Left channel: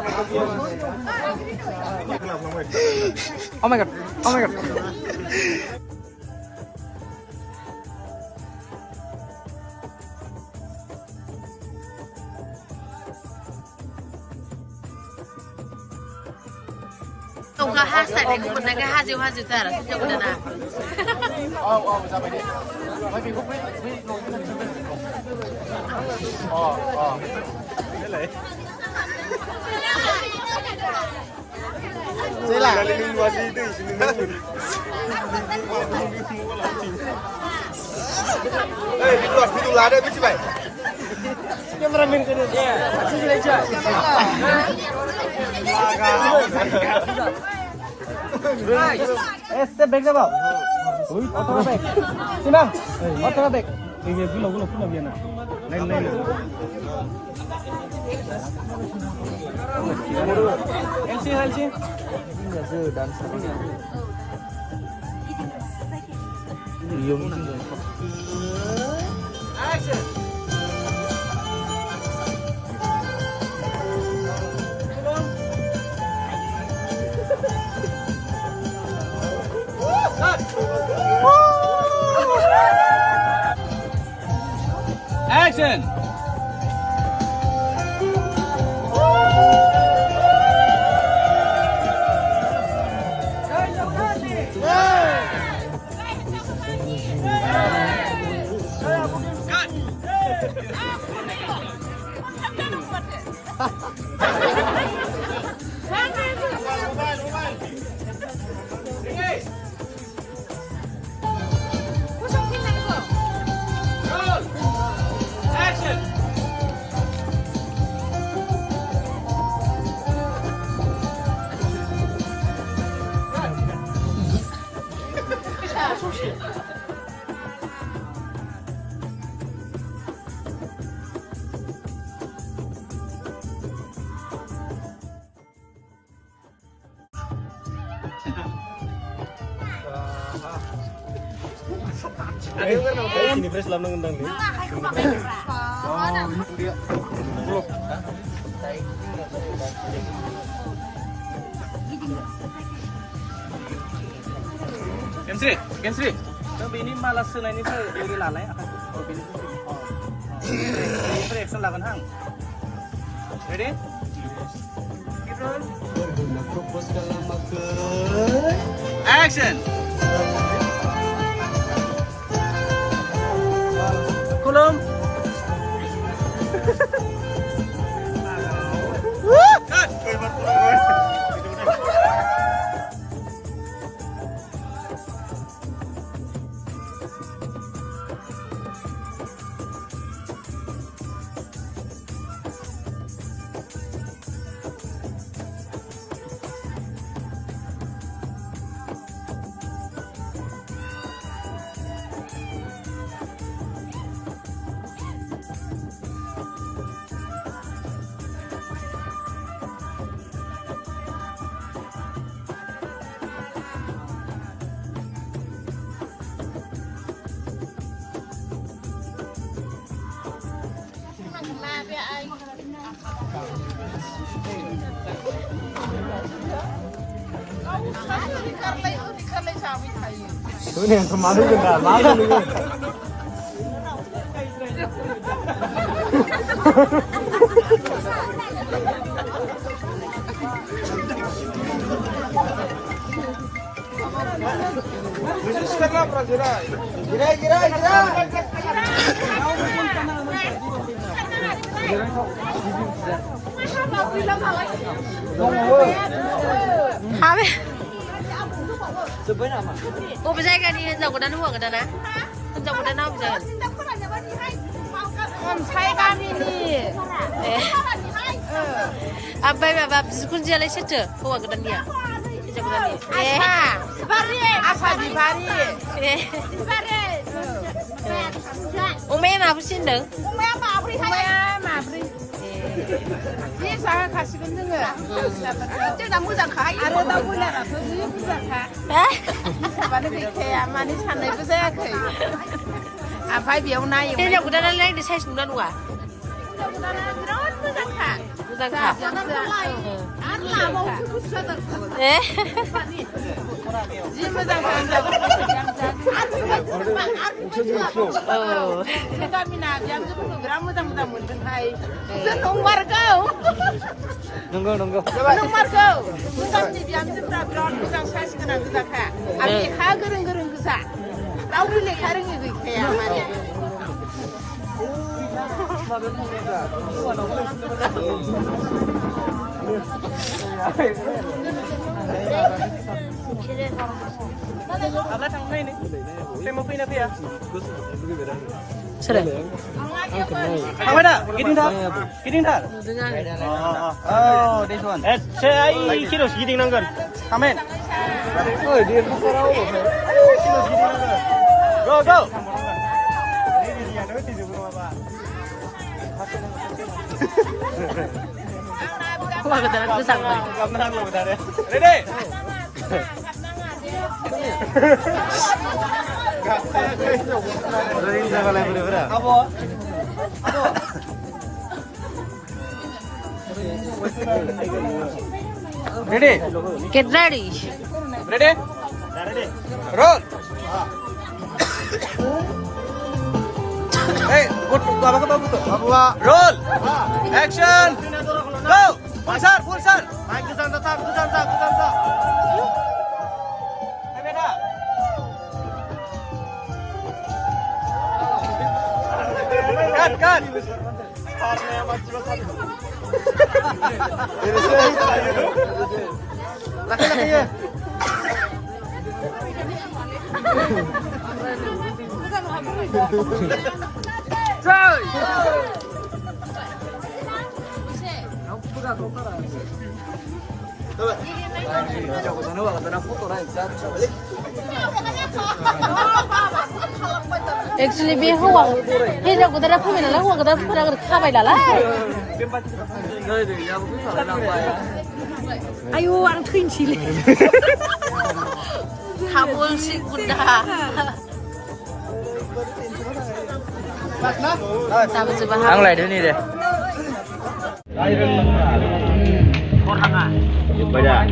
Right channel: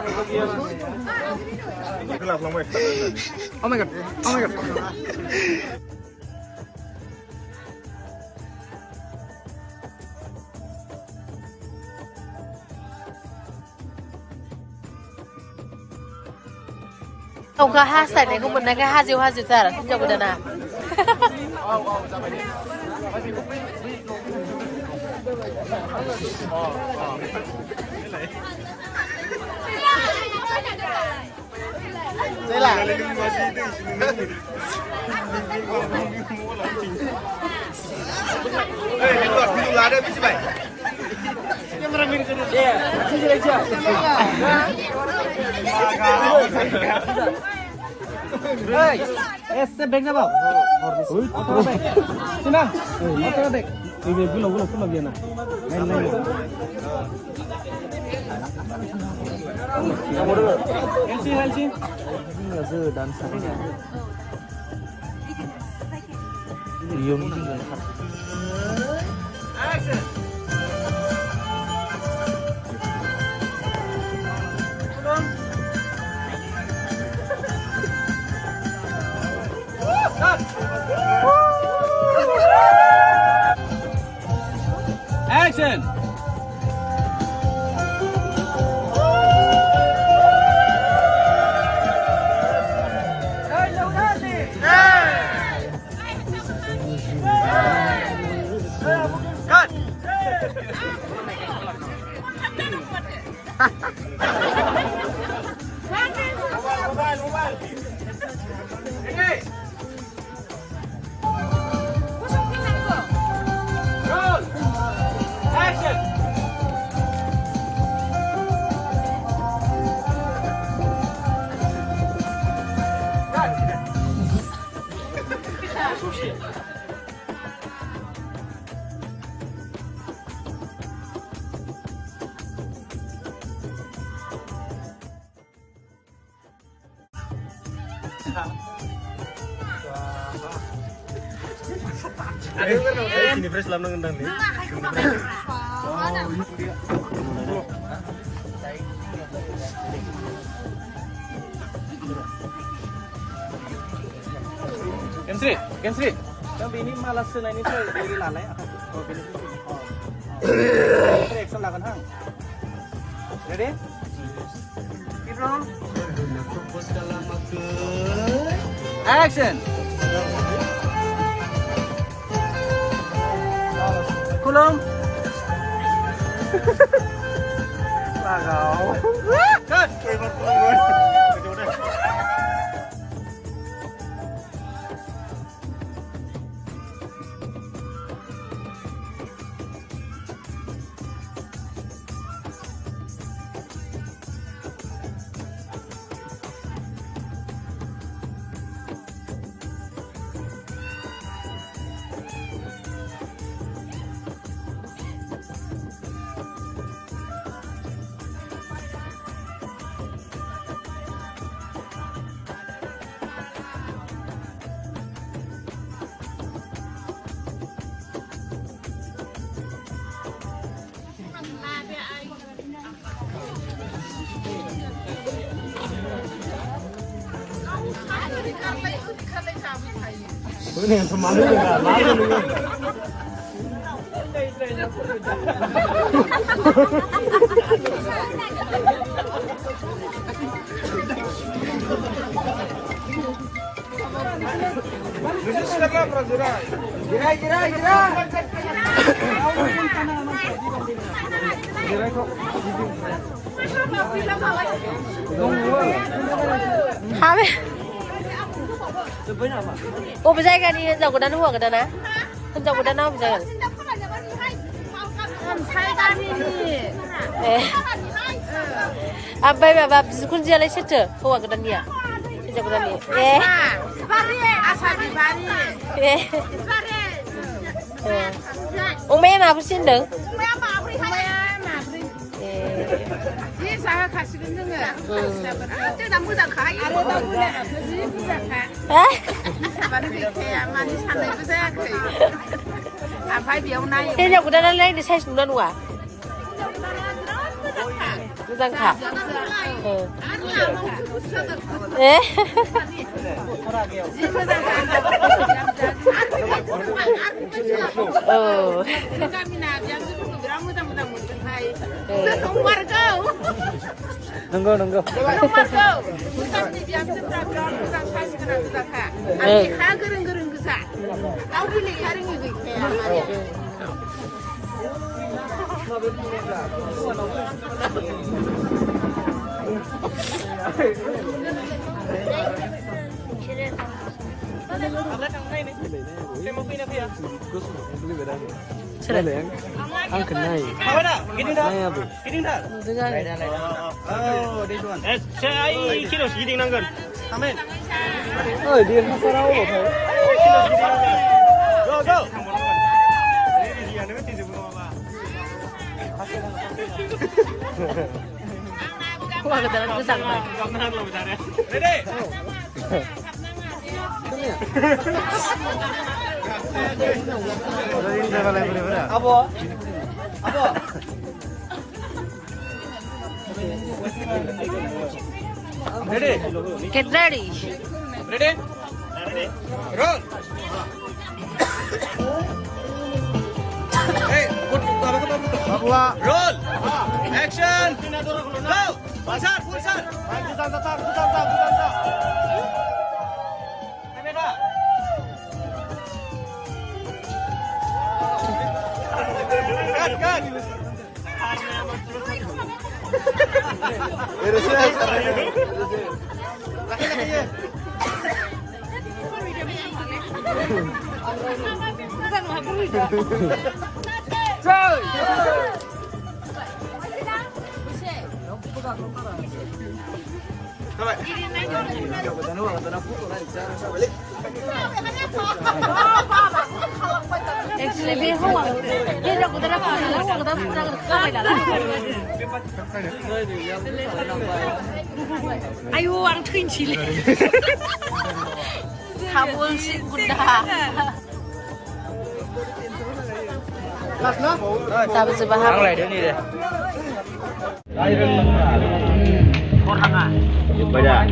Oh my god. Oh my god. Ông có hát sạch này cũng mình cái hát gì ra là xin chào bạn nào. Thế là step back ra bảo. Auto back. Xin nào. Auto back. Về cứ lâu viên à. Lên nào. Em xin. Là giờ đàn sống nhỉ. Yêu như người thật. Action! Ini fresh lam nang ndang ni. Kensri. Tapi ini malah selain itu dari lalai akan pilih. Ini action lakukan hang. Ready? Keep roll. Action. Kulum. Cái này thầm máu nước cả máu luôn luôn. Ô bây giờ cái đi dầu của đàn hùa cái đó nè, dầu của đàn nào bây giờ? À bây giờ bà kun dia lấy chết chưa? Hùa cái đàn nhỉ? Dầu của đàn nhỉ? Ome mà bữa xin được. 사와 가시고 있는 거야. 저자 무장 가이. 아래다 보내 아버지 무장 가. 많이 되게 많이 산에 보세요. 아 파이비 오나요. thế giờ của đàn lấy để xây xuống đàn hùa. 모장카. 예? 어. Nunggu. Sudah. Apa dah? Gini dah. Dengar. Oh, this one. Saya kilo segini nangkan. Amen. Oh, dia bisa rawa. Kilo segini nangkan. Go. Wah, kedalam kusang baik. Ready? Ready dah balai berapa? Ready? Get ready. Ready? Roll. Hey, Babua. Roll. Action. Go. Pasar, pulsar. Main ke sana, ke sana. Kan. Actually, be huang. Kita aku dah punya lah, huang kita pernah kawai dah lah. Ayo, ang twin chili. Kabul si Buddha. Sabi sa bahay. Ang lain ni deh. Banyak,